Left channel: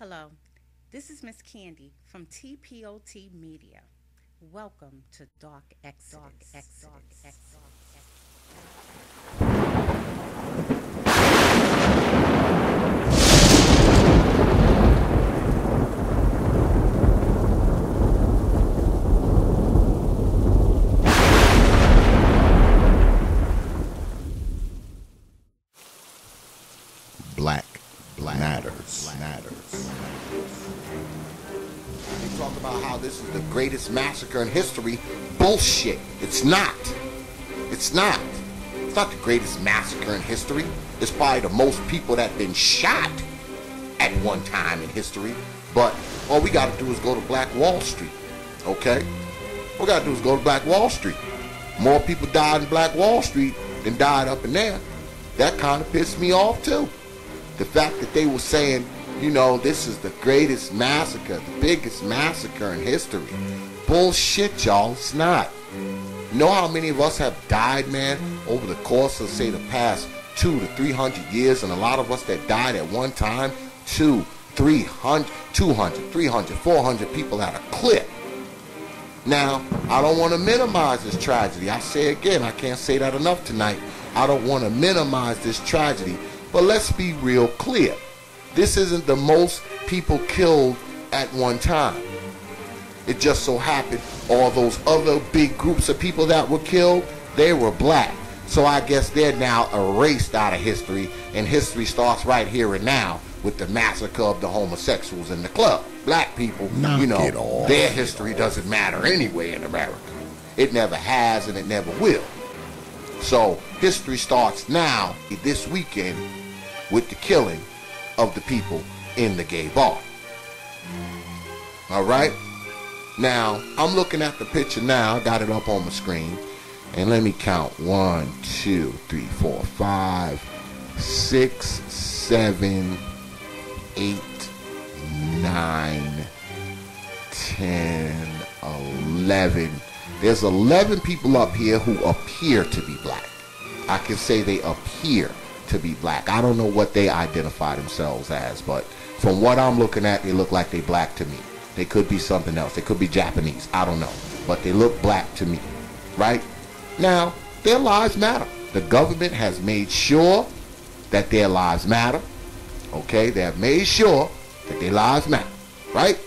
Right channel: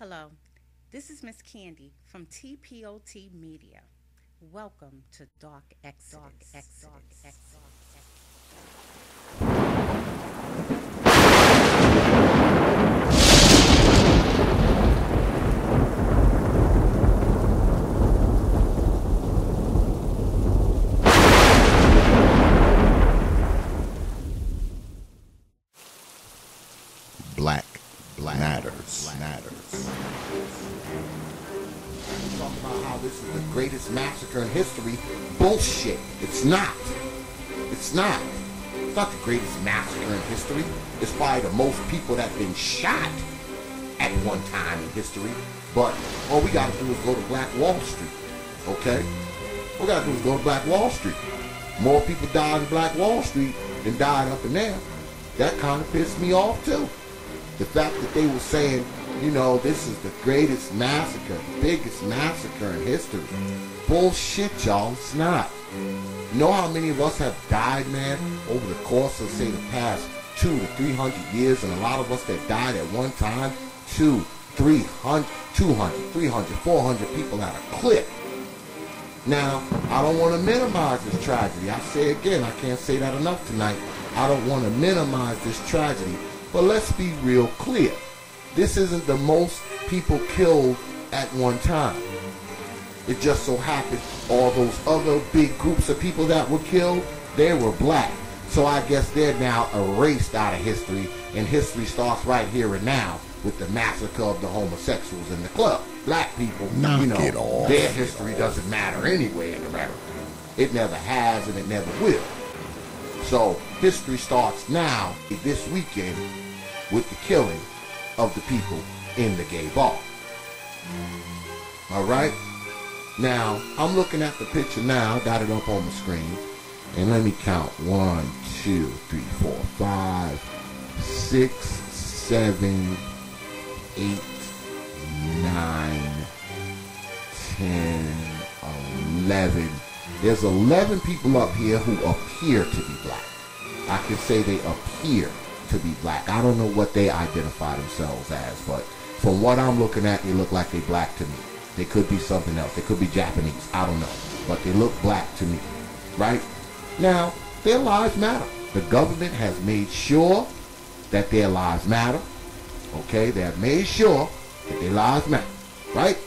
Hello, this is Miss Candy from TPOT Media. Welcome to Dark Exodus. Black matters. We talk about how this is the greatest massacre in history. Bullshit. It's not. It's not. It's not the greatest massacre in history. It's probably the most people that have been shot at one time in history. But all we gotta do is go to Black Wall Street. Okay? All we gotta do is go to Black Wall Street. More people died in Black Wall Street than died up in there. That kind of pissed me off too. The fact that they were saying, you know, this is the greatest massacre, the biggest massacre in history. Bullshit, y'all. It's not. You know how many of us have died, man, over the course of, say, the past 200 to 300 years, and a lot of us that died at one time, 200, 300, 400 people at a clip. Now, I don't want to minimize this tragedy. I say again, I can't say that enough tonight. I don't want to minimize this tragedy. But let's be real clear. This isn't the most people killed at one time. It just so happened all those other big groups of people that were killed, they were black. So I guess they're now erased out of history, and history starts right here and now with the massacre of the homosexuals in the club. Black people, their history doesn't matter anyway in America. It never has and it never will. So history starts now, this weekend, with the killing of the people in the gay bar. All right? Now, I'm looking at the picture now. I got it up on the screen. And let me count. 1, 2, 3, 4, 5, 6, 7, 8, 9, 10, 11. There's 11 people up here who appear to be black. I can say they appear to be black. I don't know what they identify themselves as, but from what I'm looking at, they look like they black to me. They could be something else. They could be Japanese. I don't know. But they look black to me. Right? Now, their lives matter. The government has made sure that their lives matter. Okay? They have made sure that their lives matter. Right?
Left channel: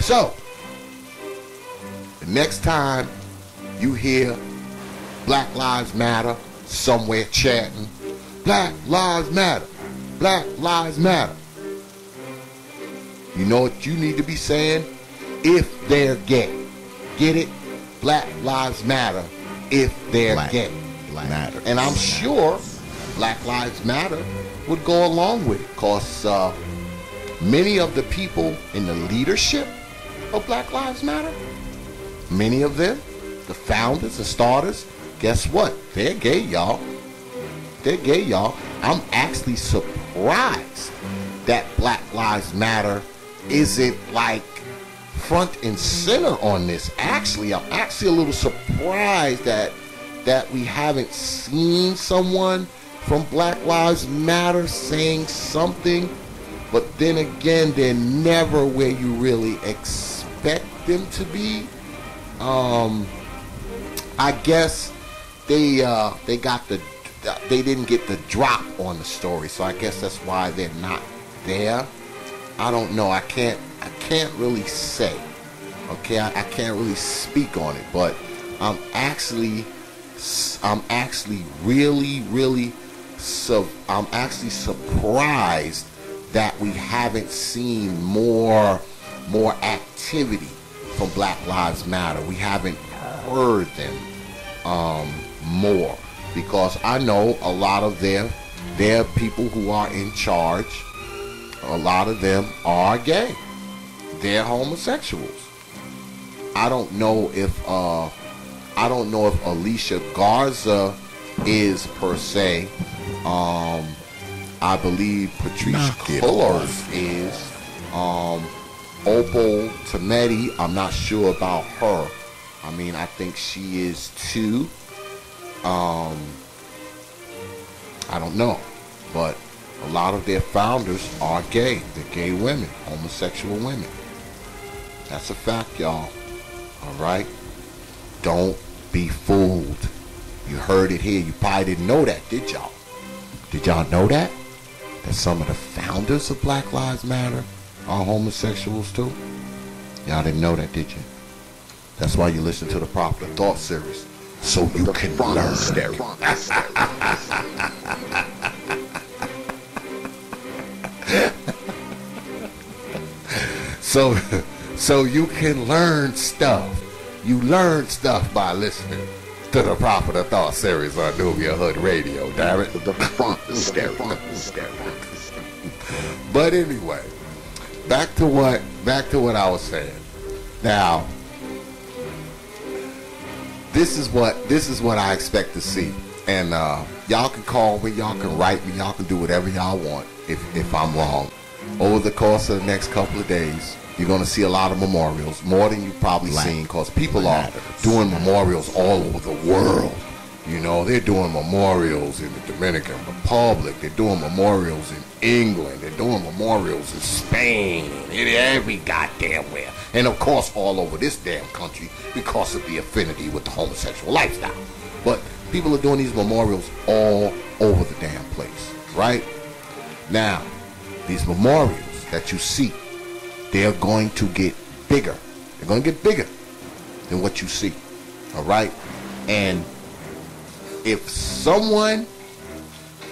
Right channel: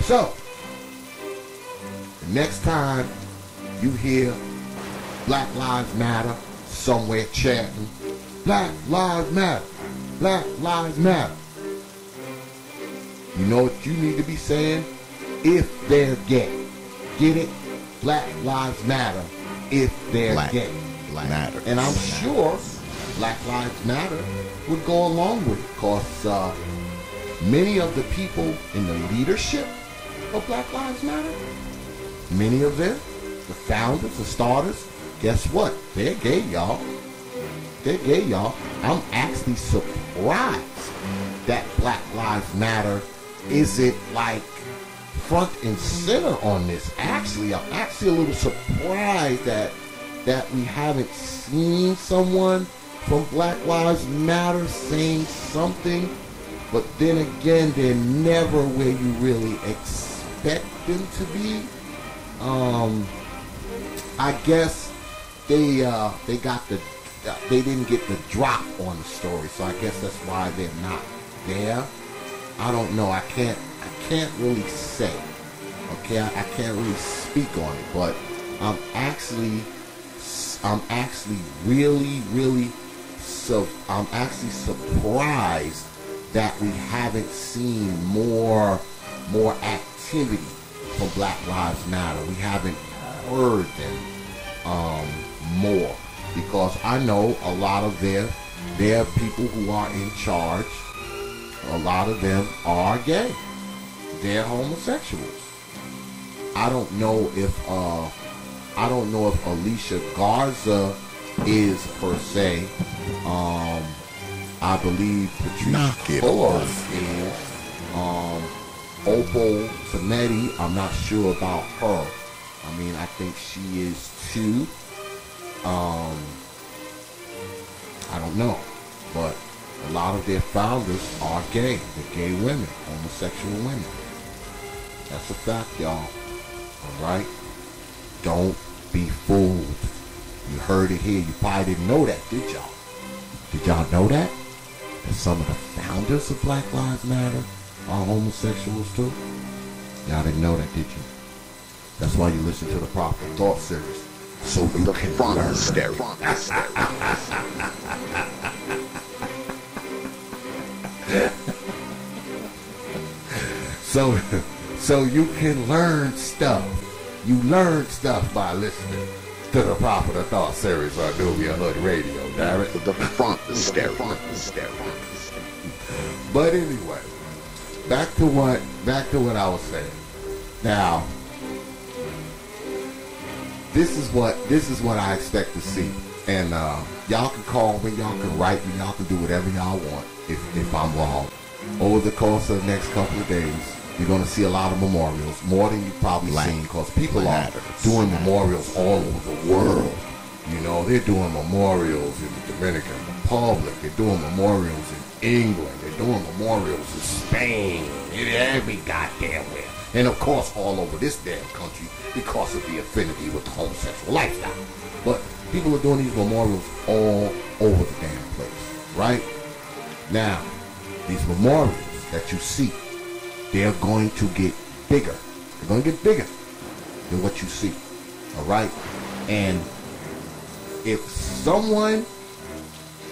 So, next time you hear Black Lives Matter somewhere chanting, Black Lives Matter, Black Lives Matter, you know what you need to be saying? If they're gay. Get it? Black Lives Matter if they're gay. Matter. And I'm sure Black Lives Matter would go along with it, because many of the people in the leadership of Black Lives Matter, many of them, the founders, the starters, guess what? They're gay, y'all. They're gay, y'all. I'm actually surprised that Black Lives Matter isn't like front and center on this. Actually, I'm actually a little surprised that we haven't seen someone from Black Lives Matter saying something. But then again, they're never where you really expect them to be. I guess they didn't get the drop on the story, so I guess that's why they're not there. I don't know. I can't really say. Okay, I can't really speak on it, but I'm actually surprised that we haven't seen more activity from Black Lives Matter. We haven't heard them more, because I know a lot of their people who are in charge, a lot of them are gay. They're homosexuals. I don't know if Alicia Garza is per se. I believe Patrice Cullors is. Opal Tometi, I'm not sure about her. I mean, I think she is too. I don't know, but A lot of their founders are gay. They're gay women, homosexual women. That's a fact, y'all. All right? Don't be fooled. You heard it here. You probably didn't know that, did y'all? Did y'all know that? That some of the founders of Black Lives Matter are homosexuals too? Y'all didn't know that, did you? That's why you listen to the Proper Thought series. So you can learn. So you can learn stuff. You learn stuff by listening to the Proper Thought series on Nubia Hood Radio, damn it. The front is stereo. But anyway, back to what I was saying. Now, this is what I expect to see. And y'all can call me, y'all can write me, y'all can do whatever y'all want if I'm wrong. Over the course of the next couple of days, you're going to see a lot of memorials, more than you've probably seen, because people are doing memorials all over the world. You know, they're doing memorials in the Dominican Republic. They're doing memorials in England. They're doing memorials in Spain. Every goddamn where. And, of course, all over this damn country because of the affinity with the homosexual lifestyle. But people are doing these memorials all over the damn place, right? Now, these memorials that you see, they're going to get bigger. They're going to get bigger than what you see, all right? And if someone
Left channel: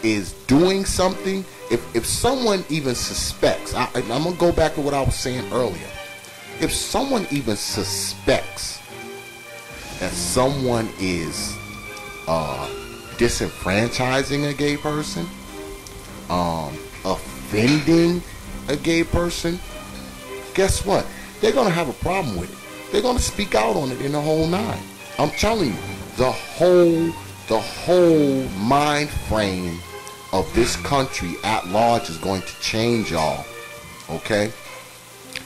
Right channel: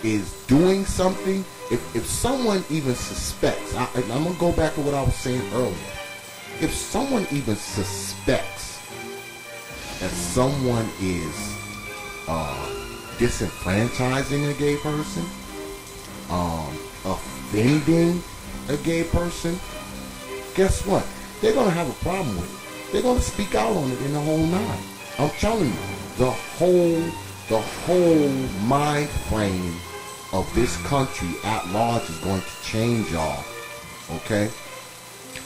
is doing something, if someone even suspects, I'm going to go back to what I was saying earlier. If someone even suspects that someone is disenfranchising a gay person, offending a gay person, guess what? They're going to have a problem with it. They're going to speak out on it in the whole nine. I'm telling you, the whole mind frame of this country at large is going to change, y'all. Okay?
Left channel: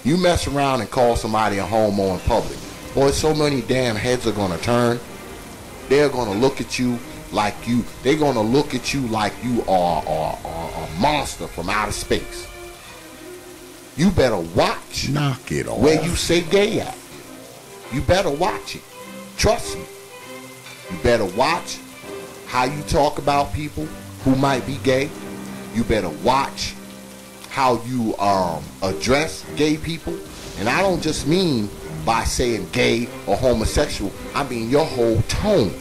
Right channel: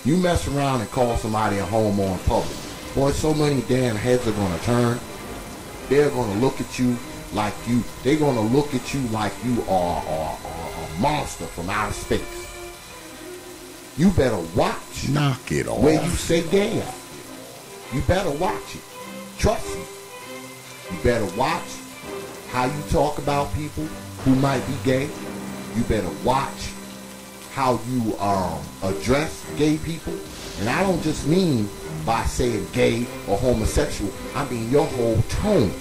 You mess around and call somebody a homo in public. Boy, so many damn heads are going to turn. They're going to look at you like you are a monster from outer space. You better watch. Knock it off. Where you say gay at. You better watch it. Trust me. You better watch how you talk about people who might be gay. You better watch how you address gay people. And I don't just mean by saying gay or homosexual. I mean your whole tone.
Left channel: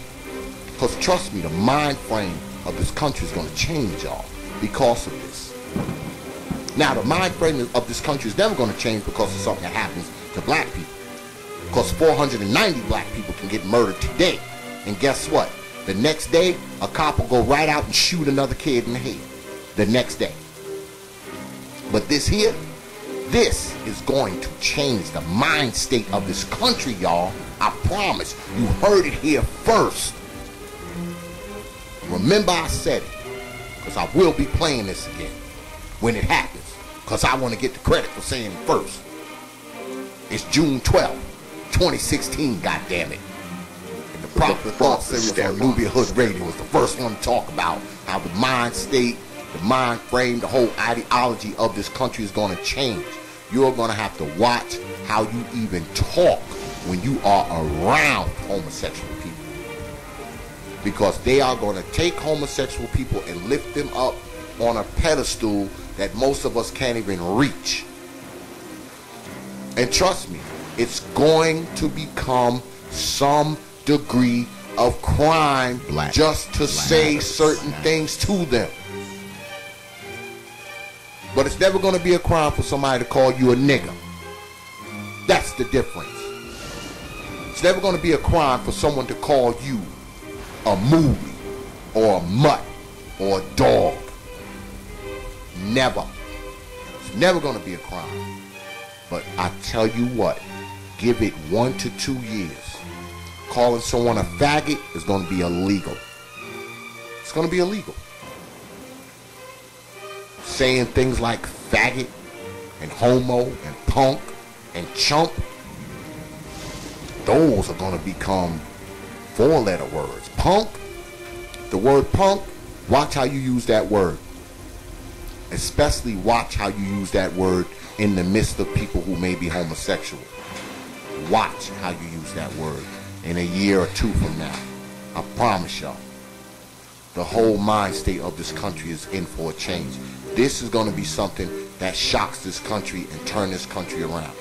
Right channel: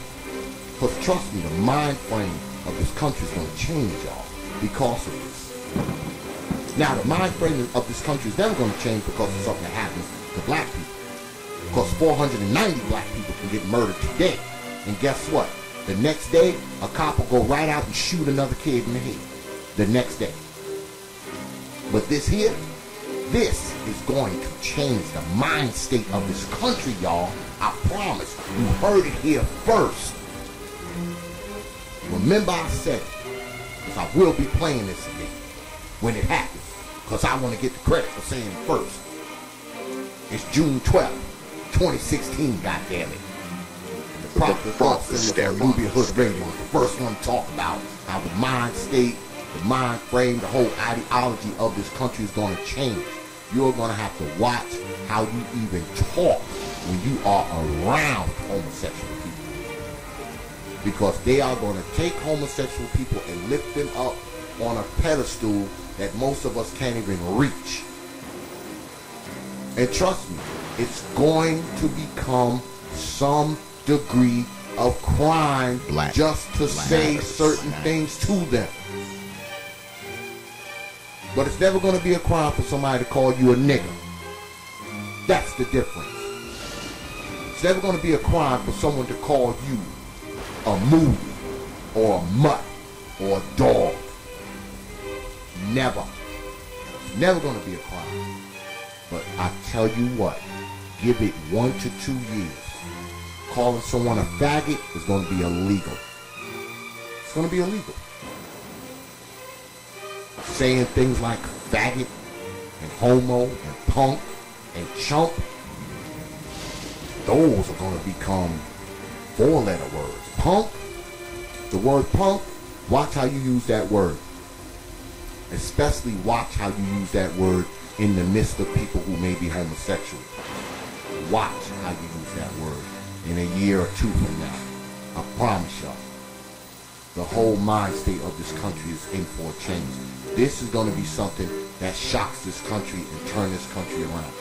Because trust me, the mind frame of this country is going to change, y'all, because of this. Now, the mind frame of this country is never going to change because of something that happens to black people. Because 490 black people can get murdered today. And guess what? The next day, a cop will go right out and shoot another kid in the head. The next day. But this here, this is going to change the mind state of this country, y'all. I promise. You heard it here first. Remember I said it. Because I will be playing this again when it happens. Because I want to get the credit for saying it first. It's June 12th, 2016, goddammit. The Proper Thought series on Nubia Hood Radio was the first one to talk about how the mind state, the mind frame, the whole ideology of this country is going to change. You're going to have to watch how you even talk when you are around homosexual people. Because they are going to take homosexual people and lift them up on a pedestal that most of us can't even reach. And trust me, it's going to become some degree of crime just to say certain things to them. But it's never going to be a crime for somebody to call you a nigger. That's the difference. It's never going to be a crime for someone to call you a moo or a mutt or a dog. Never. It's never going to be a crime. But I tell you what, give it 1 to 2 years. Calling someone a faggot is going to be illegal. It's going to be illegal. Saying things like faggot and homo and punk and chump, those are going to become 4-letter words. Punk, the word punk, watch how you use that word. Especially watch how you use that word in the midst of people who may be homosexual. Watch how you use that word in a year or two from now. I promise y'all, the whole mind state of this country is in for a change. This is going to be something that shocks this country and turn this country around.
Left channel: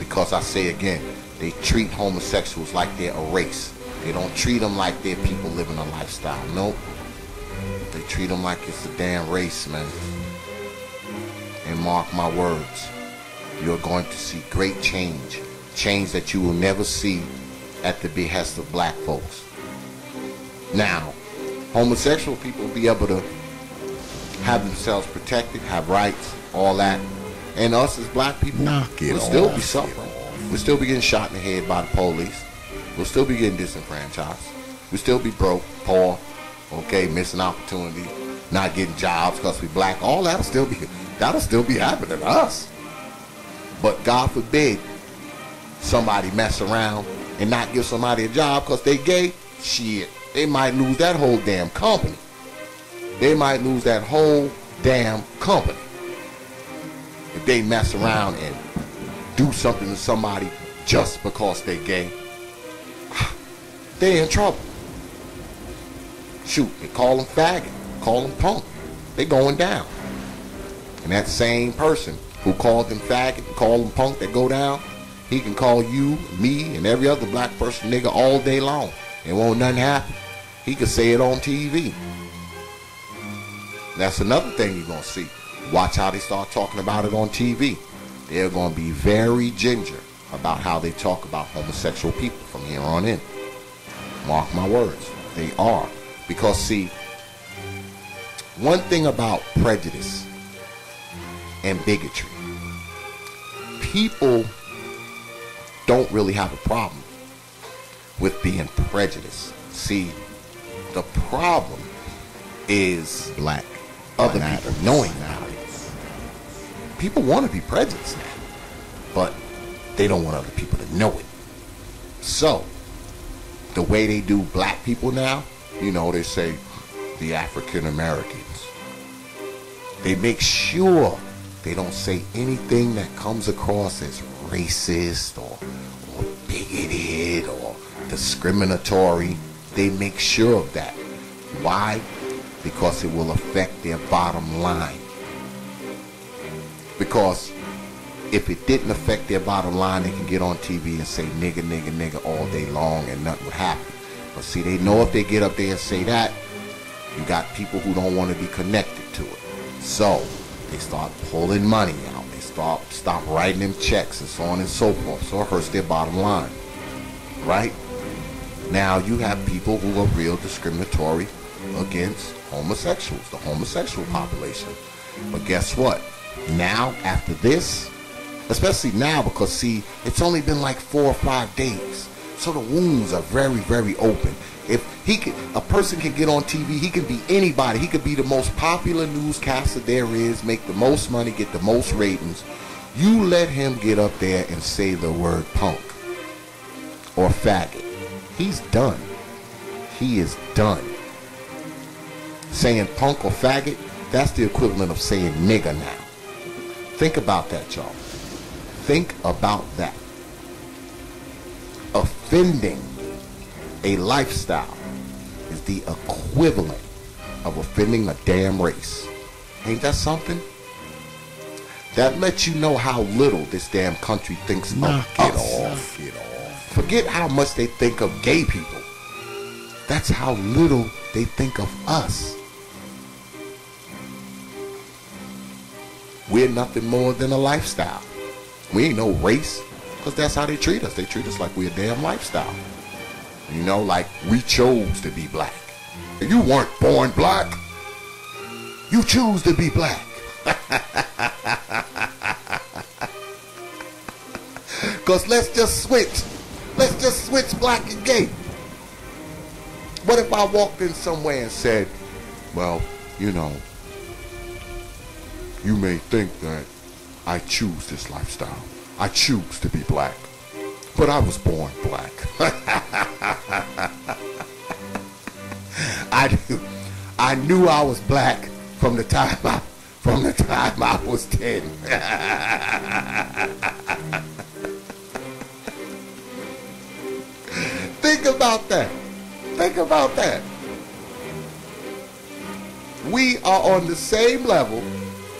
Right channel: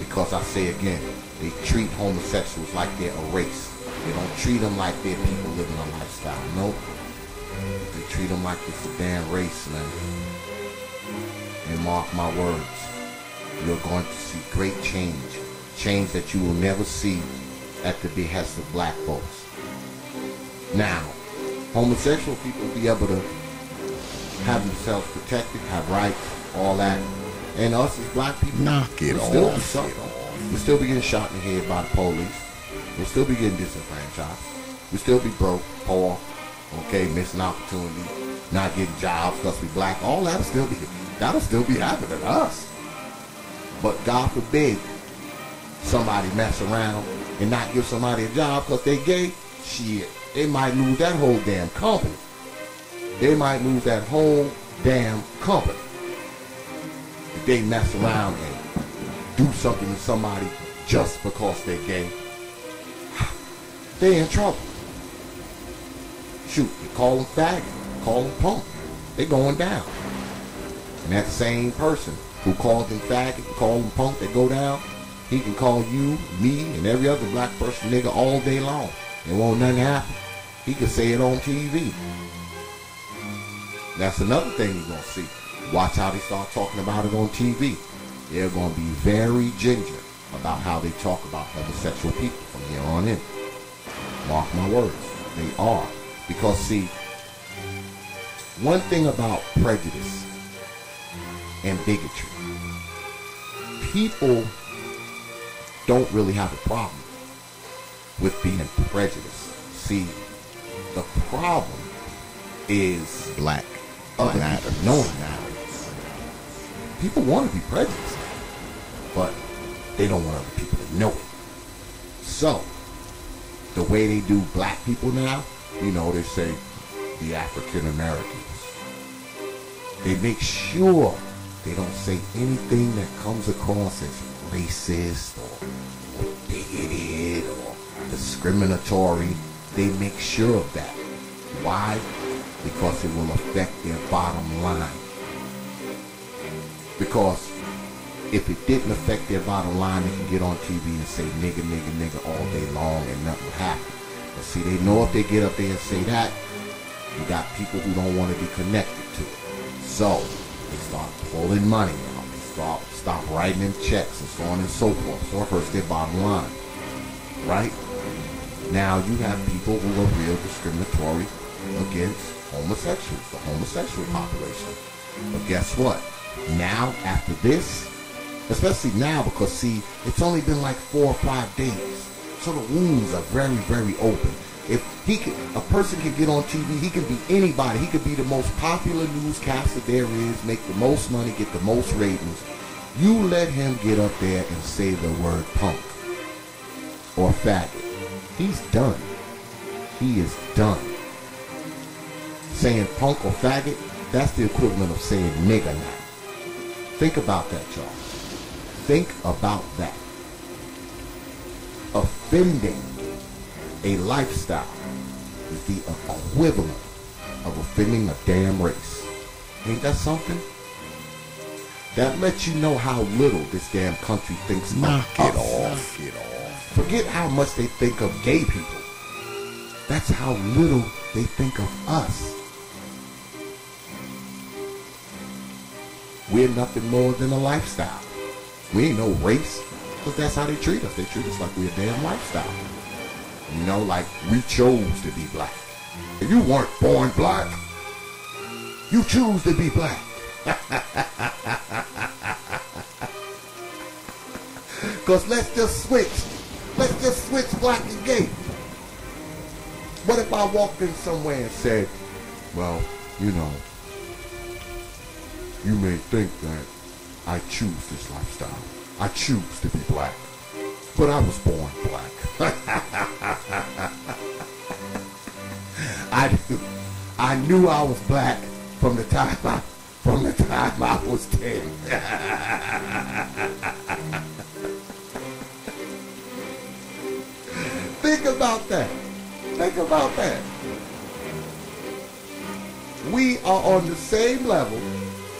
Because I say again, they treat homosexuals like they're a race. They don't treat them like they're people living a lifestyle. Nope. They treat them like it's a damn race, man. And mark my words, you're going to see great change. Change that you will never see at the behest of black folks. Now, homosexual people will be able to have themselves protected, have rights, all that. And us as black people, knock it off. Still be something. We'll still be getting shot in the head by the police. We'll still be getting disenfranchised. We'll still be broke, poor, okay, missing opportunity, not getting jobs because we black. All that'll still be happening to us. But God forbid somebody mess around and not give somebody a job because they gay. Shit, they might lose that whole damn company. They might lose that whole damn company if they mess around and do something to somebody just because they gay. They're in trouble. Shoot, they call them faggot, call them punk. They going down. And that same person who called them faggot, called them punk, they go down, he can call you, me, and every other black person nigga all day long. It won't nothing happen. He can say it on TV. That's another thing you're going to see. Watch how they start talking about it on TV. They're going to be very ginger about how they talk about homosexual people from here on in. Mark my words. They are. Because, see, one thing about prejudice and bigotry, people don't really have a problem with being prejudiced. See, the problem is black other matters. people knowing that. People want to be prejudiced, but they don't want other people to know it. So, the way they do black people now, you know, they say the African Americans. They make sure they don't say anything that comes across as racist or bigoted or discriminatory. They make sure of that. Why? Because it will affect their bottom line. Because if it didn't affect their bottom line, they can get on TV and say nigga, nigga, nigga all day long and nothing would happen. But see, they know if they get up there and say that, you got people who don't want to be connected to it. So they start pulling money out. They stop writing them checks and so on and so forth. So it hurts their bottom line. Right? Now you have people who are real discriminatory against homosexuals, the homosexual population. But guess what? Now, after this, especially now, because see, it's only been like 4 or 5 days, so the wounds are very, very open. If a person can get on TV, he can be anybody. He could be the most popular newscaster there is, make the most money, get the most ratings. You let him get up there and say the word punk or faggot. He's done. He is done. Saying punk or faggot, that's the equivalent of saying nigger now. Think about that, y'all. Think about that. Offending a lifestyle is the equivalent of offending a damn race. Ain't that something? That lets you know how little this damn country thinks of us. Knock it off. Forget how much they think of gay people. That's how little they think of us. We're nothing more than a lifestyle. We ain't no race, because that's how they treat us. They treat us like we're a damn lifestyle. You know, like we chose to be black. You weren't born black. You choose to be black. Because let's just switch. Let's just switch black and gay. What if I walked in somewhere and said, well, you know, you may think that I choose this lifestyle. I choose to be black. But I was born black. I knew I was black from the time I was 10. Think about that. Think about that. We are on the same level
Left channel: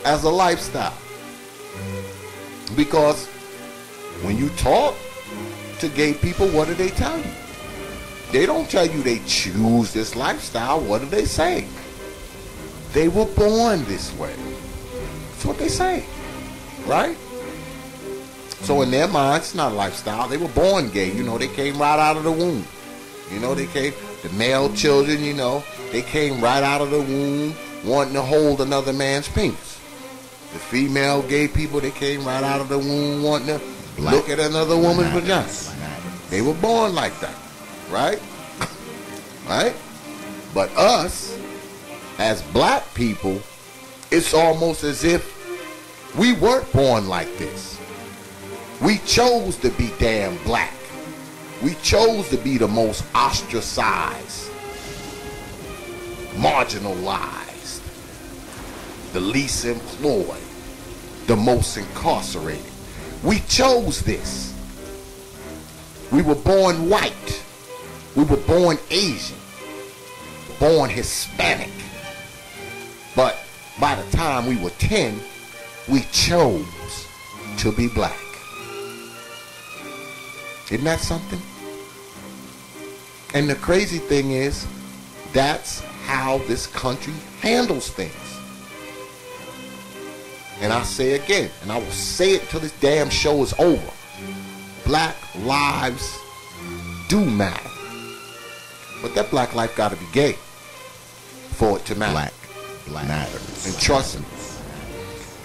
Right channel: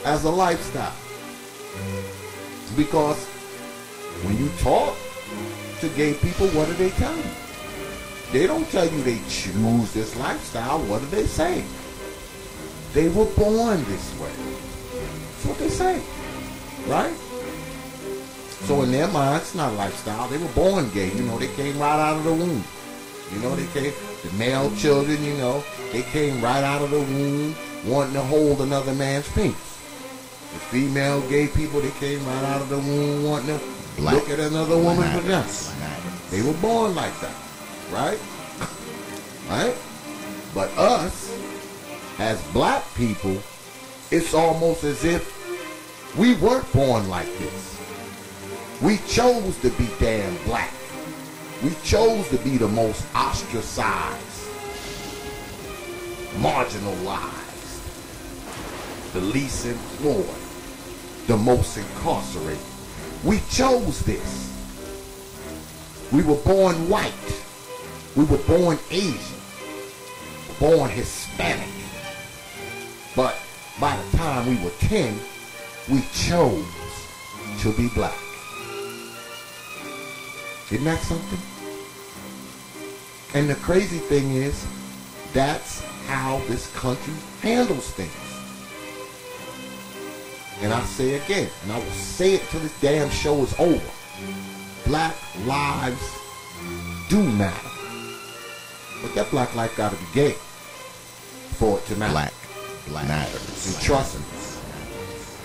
as a lifestyle. Because when you talk to gay people, what do they tell you? They don't tell you they choose this lifestyle. What do they say? They were born this way. That's what they say. Right? So in their minds, it's not a lifestyle. They were born gay. You know, they came right out of the womb. You know, the male children, you know, they came right out of the womb wanting to hold another man's penis. The female gay people, they came right out of the womb wanting to look at another woman's vagina. They were born like that. Right? Right? But us, as black people, it's almost as if we weren't born like this. We chose to be damn black. We chose to be the most ostracized, marginalized, the least employed, the most incarcerated. We chose this. We were born white. We were born Asian. Born Hispanic. But by the time we were 10, we chose to be black. Isn't that something? And the crazy thing is, that's how this country handles things. And I say again, and I will say it till this damn show is over. Black lives do matter. But that black life gotta be gay for it to matter. Black matters. And trust me,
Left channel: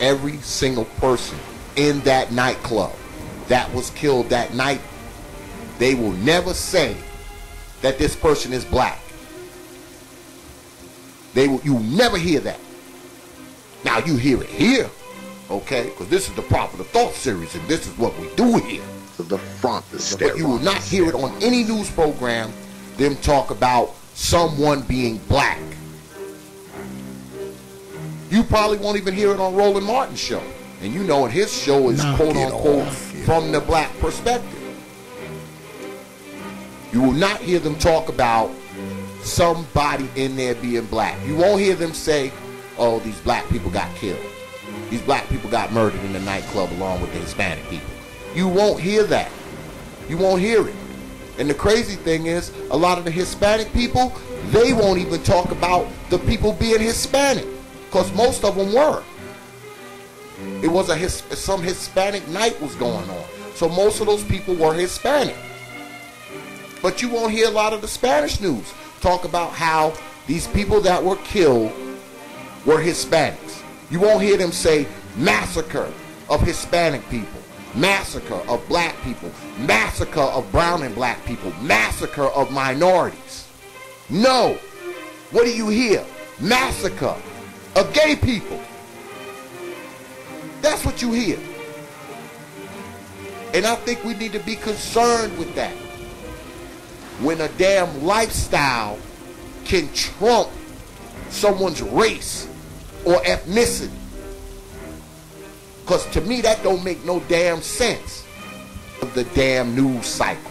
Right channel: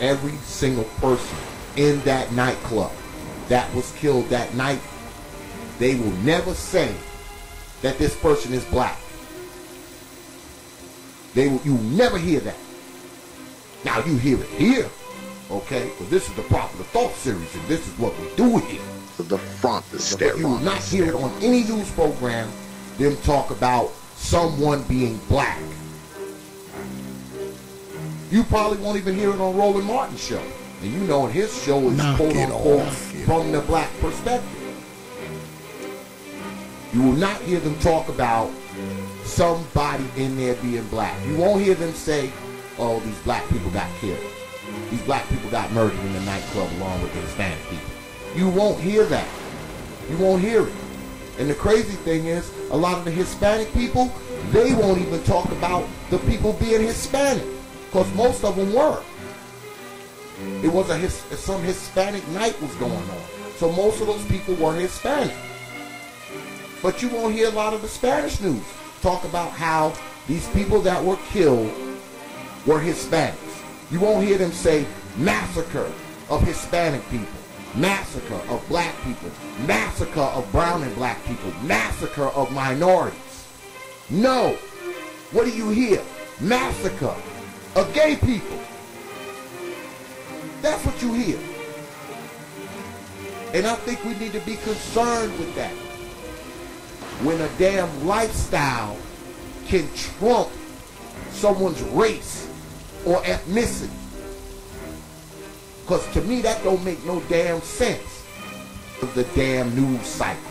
every single person in that nightclub that was killed that night, they will never say that this person is black. You never hear that. Now you hear it here, okay? Because this is the Popular Thought Series, and this is what we do here. To the front, the But stereo. you will not hear it on any news program, them talk about someone being black. You probably won't even hear it on Roland Martin's show. And you know his show is quote unquote from the black perspective. You will not hear them talk about somebody in there being black. You won't hear them say, oh, these black people got killed. These black people got murdered in the nightclub along with the Hispanic people. You won't hear that. You won't hear it. And the crazy thing is, a lot of the Hispanic people, they won't even talk about the people being Hispanic. Because most of them were. It was some Hispanic night was going on. So most of those people were Hispanic. But you won't hear a lot of the Spanish news talk about how these people that were killed were Hispanics. You won't hear them say massacre of Hispanic people, massacre of black people, massacre of brown and black people, massacre of minorities. No. What do you hear? Massacre of gay people. That's what you hear. And I think we need to be concerned with that. When a damn lifestyle can trump someone's race or ethnicity. Because to me that don't make no damn sense of the damn news cycle.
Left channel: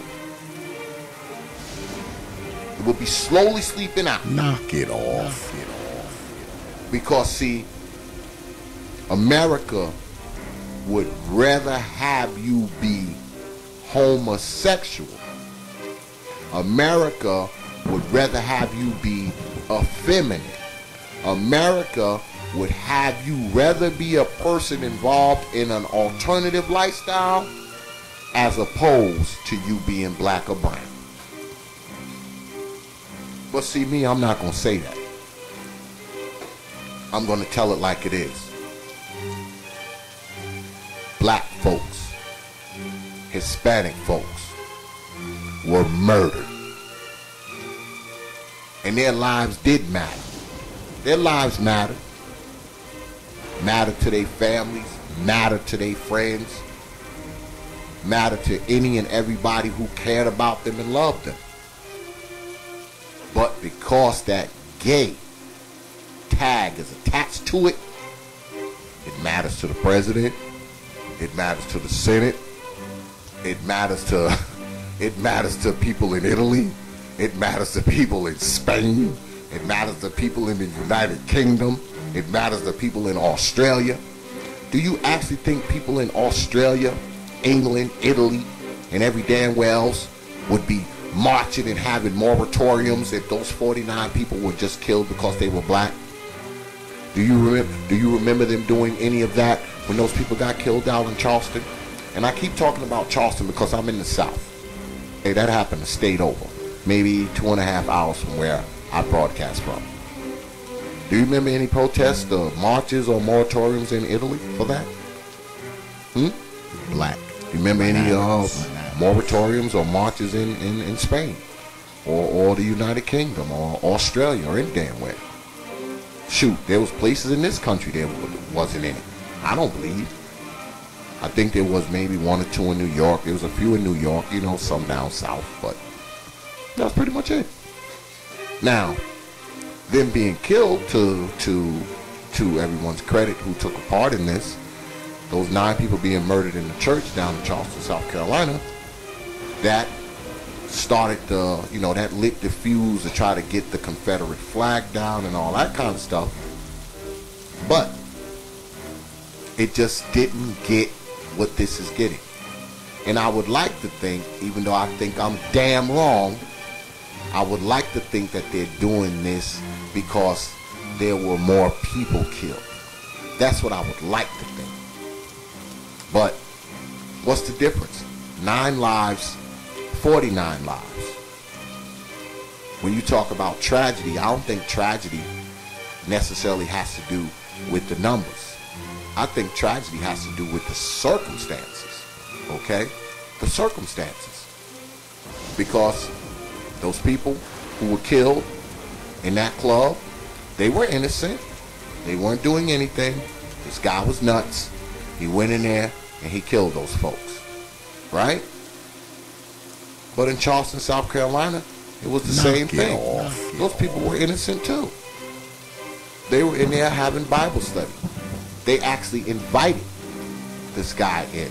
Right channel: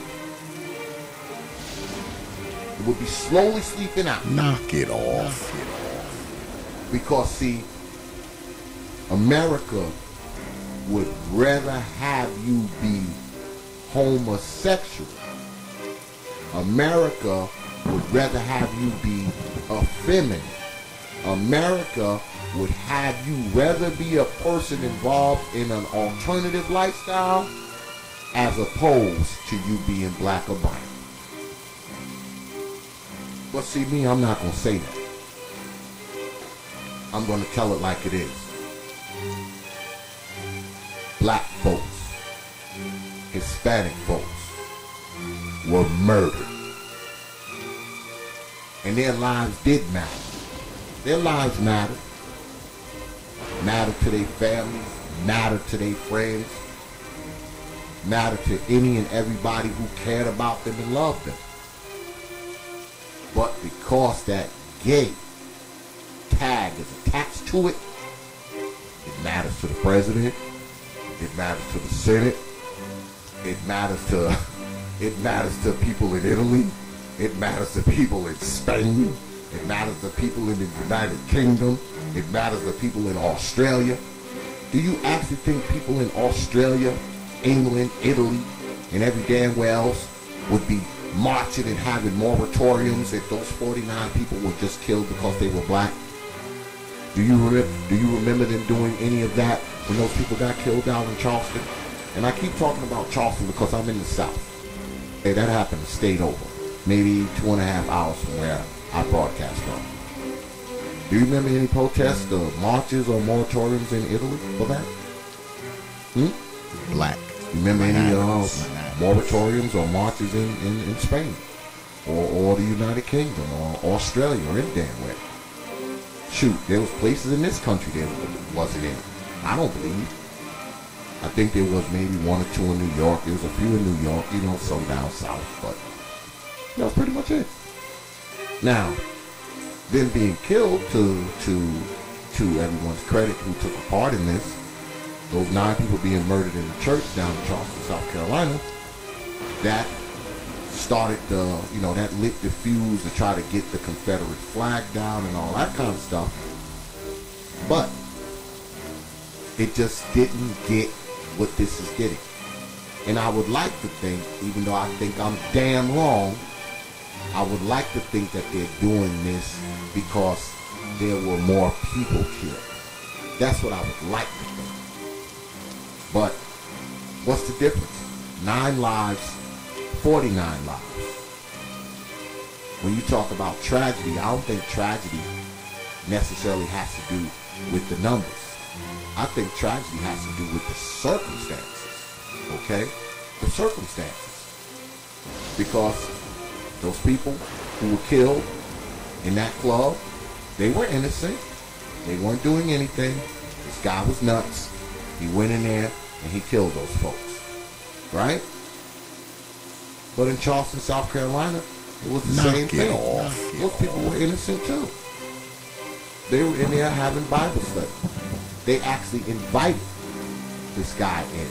It will be slowly sleeping out. Knock it off. Because see, America would rather have you be homosexual. America would rather have you be effeminate. America would have you rather be a person involved in an alternative lifestyle as opposed to you being black or brown. But see me, I'm not going to say that. I'm going to tell it like it is. Black folks, Hispanic folks were murdered. And their lives did matter. Their lives mattered. Mattered to their families, mattered to their friends, mattered to any and everybody who cared about them and loved them. But because that gay tag is attached to it, it matters to the president, it matters to the Senate, it matters to people in Italy, it matters to people in Spain, it matters to people in the United Kingdom, it matters to people in Australia. Do you actually think people in Australia, England, Italy, and every damn where else would be marching and having moratoriums if those 49 people were just killed because they were black? Do you remember them doing any of that when those people got killed out in Charleston? And I keep talking about Charleston because I'm in the South. Hey, that happened a state over, maybe 2.5 hours from where I broadcast from. Do you remember any protests or marches or moratoriums in Italy for that? Black. Remember any moratoriums or marches in Spain or the United Kingdom or Australia or any damn way? Shoot, there was places in this country there wasn't any. I don't believe. I think there was maybe 1 or 2 in New York. There was a few in New York, you know, some down south, but that's pretty much it. Now, them being killed, to everyone's credit who took a part in this, those 9 people being murdered in the church down in Charleston, South Carolina, that started that lit the fuse to try to get the Confederate flag down and all that kind of stuff. But it just didn't get what this is getting. And I would like to think, even though I think I'm damn wrong, I would like to think that they're doing this because there were more people killed. That's what I would like to think. But what's the difference? 9 lives, 49 lives. When you talk about tragedy, I don't think tragedy necessarily has to do with the numbers. I think tragedy has to do with the circumstances, okay? The circumstances. Because those people who were killed in that club, they were innocent. They weren't doing anything. This guy was nuts. He went in there and he killed those folks, right? But in Charleston, South Carolina, it was the same thing. Those people were innocent too. They were in there having Bible study. They actually invited this guy in.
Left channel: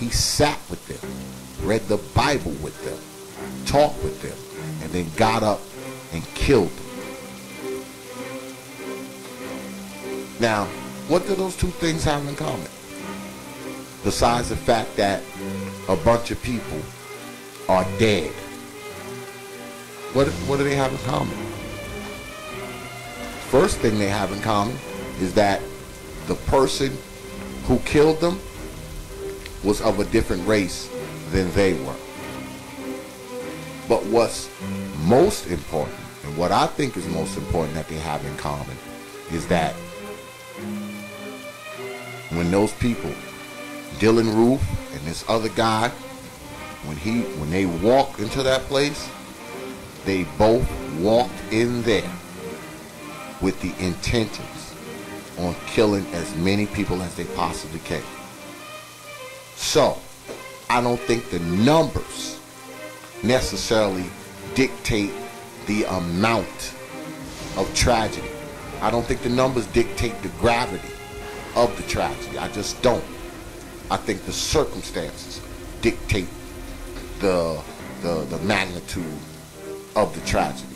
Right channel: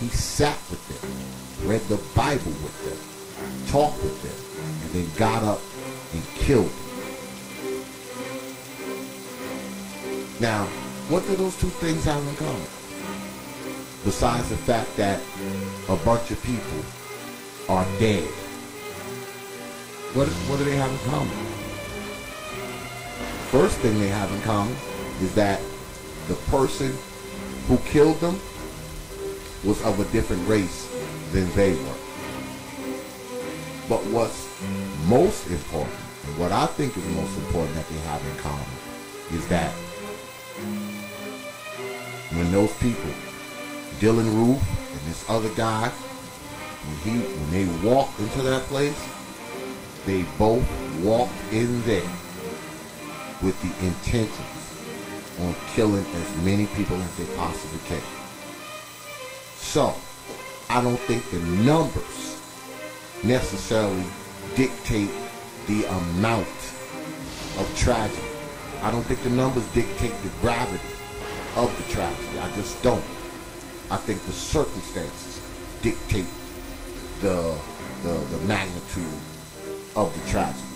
He sat with them, read the Bible with them, talked with them, and then got up and killed them. Now, what do those two things have in common? Besides the fact that a bunch of people are dead. What do they have in common? First thing they have in common is that the person who killed them was of a different race than they were. But what's most important, and what I think is most important that they have in common, is that when those people, Dylan Roof and this other guy, when they walked into that place, they both walked in there with the intentions on killing as many people as they possibly can. So, I don't think the numbers necessarily dictate the amount of tragedy. I don't think the numbers dictate the gravity of the tragedy. I just don't. I think the circumstances dictate the magnitude of the tragedy.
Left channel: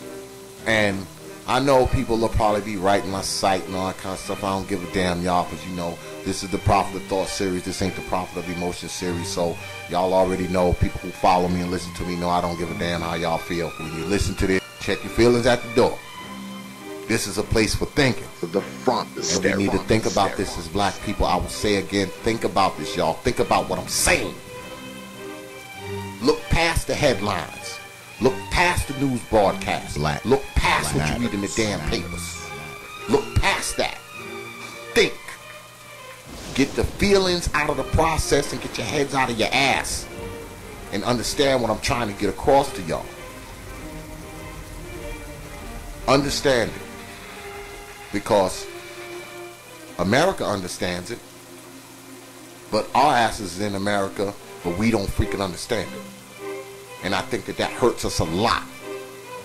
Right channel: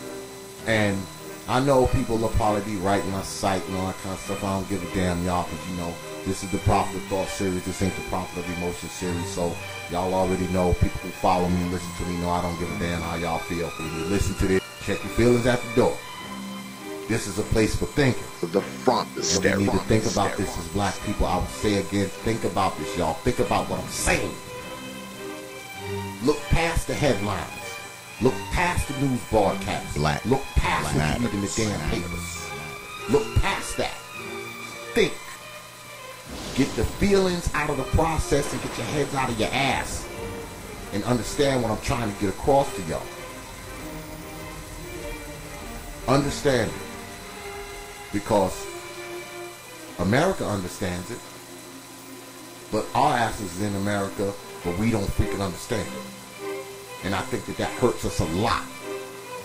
And I know people will probably be writing my site and all that kind of stuff. I don't give a damn, y'all, because you know this is the Prophet of Thought series. This ain't the Prophet of Emotion series. So y'all already know, people who follow me and listen to me know I don't give a damn how y'all feel. When you listen to this, check your feelings at the door. This is a place for thinking. The front is and we need to think about this as black people. I will say again, think about this, y'all. Think about what I'm saying. Look past the headlines. Look past the news broadcasts. Look past what you read in the damn papers. Look past that. Think. Get the feelings out of the process and get your heads out of your ass. And understand what I'm trying to get across to y'all. Understand it. Because America understands it. But our asses is in America, but we don't freaking understand it. And I think that hurts us a lot.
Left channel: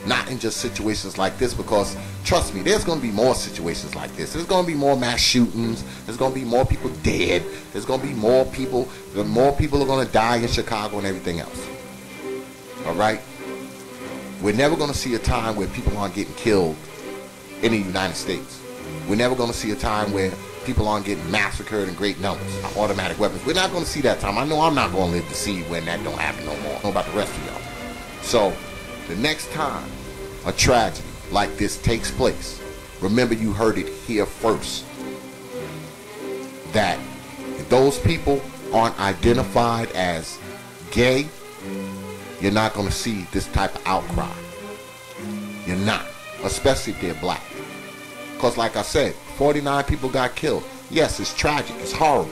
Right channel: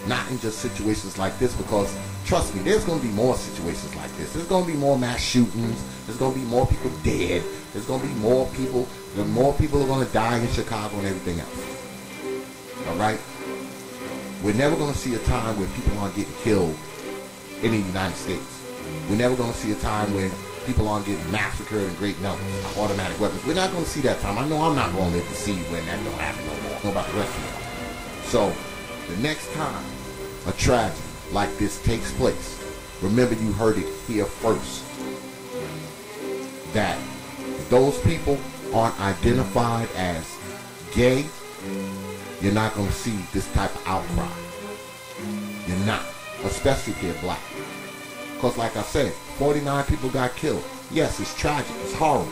Not in just situations like this, because trust me, there's going to be more situations like this. There's going to be more mass shootings. There's going to be more people dead. There's going to be more people. More people are going to die in Chicago and everything else. All right? We're never going to see a time where people aren't getting killed in the United States. We're never going to see a time where people aren't getting massacred in great numbers, automatic weapons. We're not going to see that time. I know I'm not going to live to see when that don't happen no more. I don't know about the rest of y'all. So, the next time a tragedy like this takes place, remember you heard it here first, that if those people aren't identified as gay, you're not going to see this type of outcry. You're not, especially if they're black. Because like I said, 49 people got killed. Yes, it's tragic, it's horrible.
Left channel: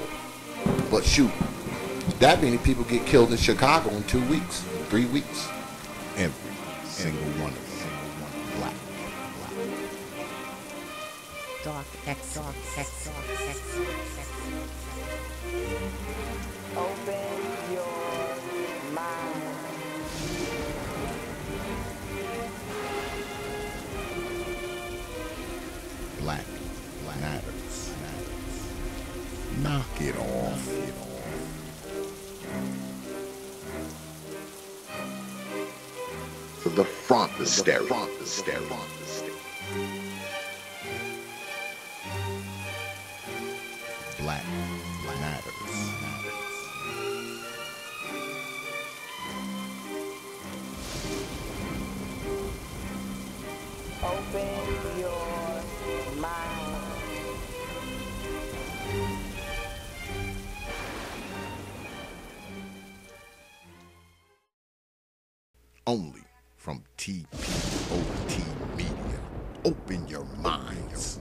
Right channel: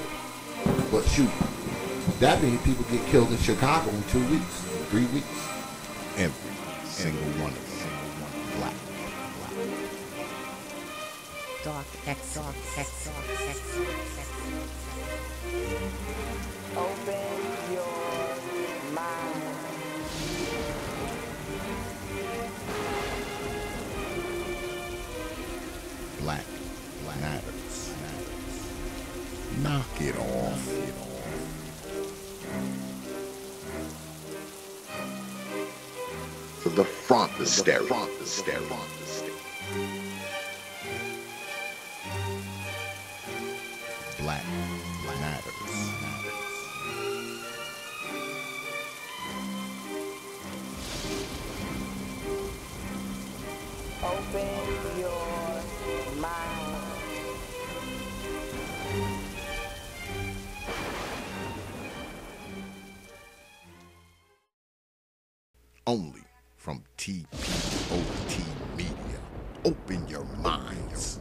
But shoot, that many people get killed in Chicago in 2 weeks, 3 weeks. Every single one of them. Black. Dark X. Open your mind. Black matters. Knock it off. To the front, the stereo. Black matters. Open your mind. Only from TPOT Media. Open your minds.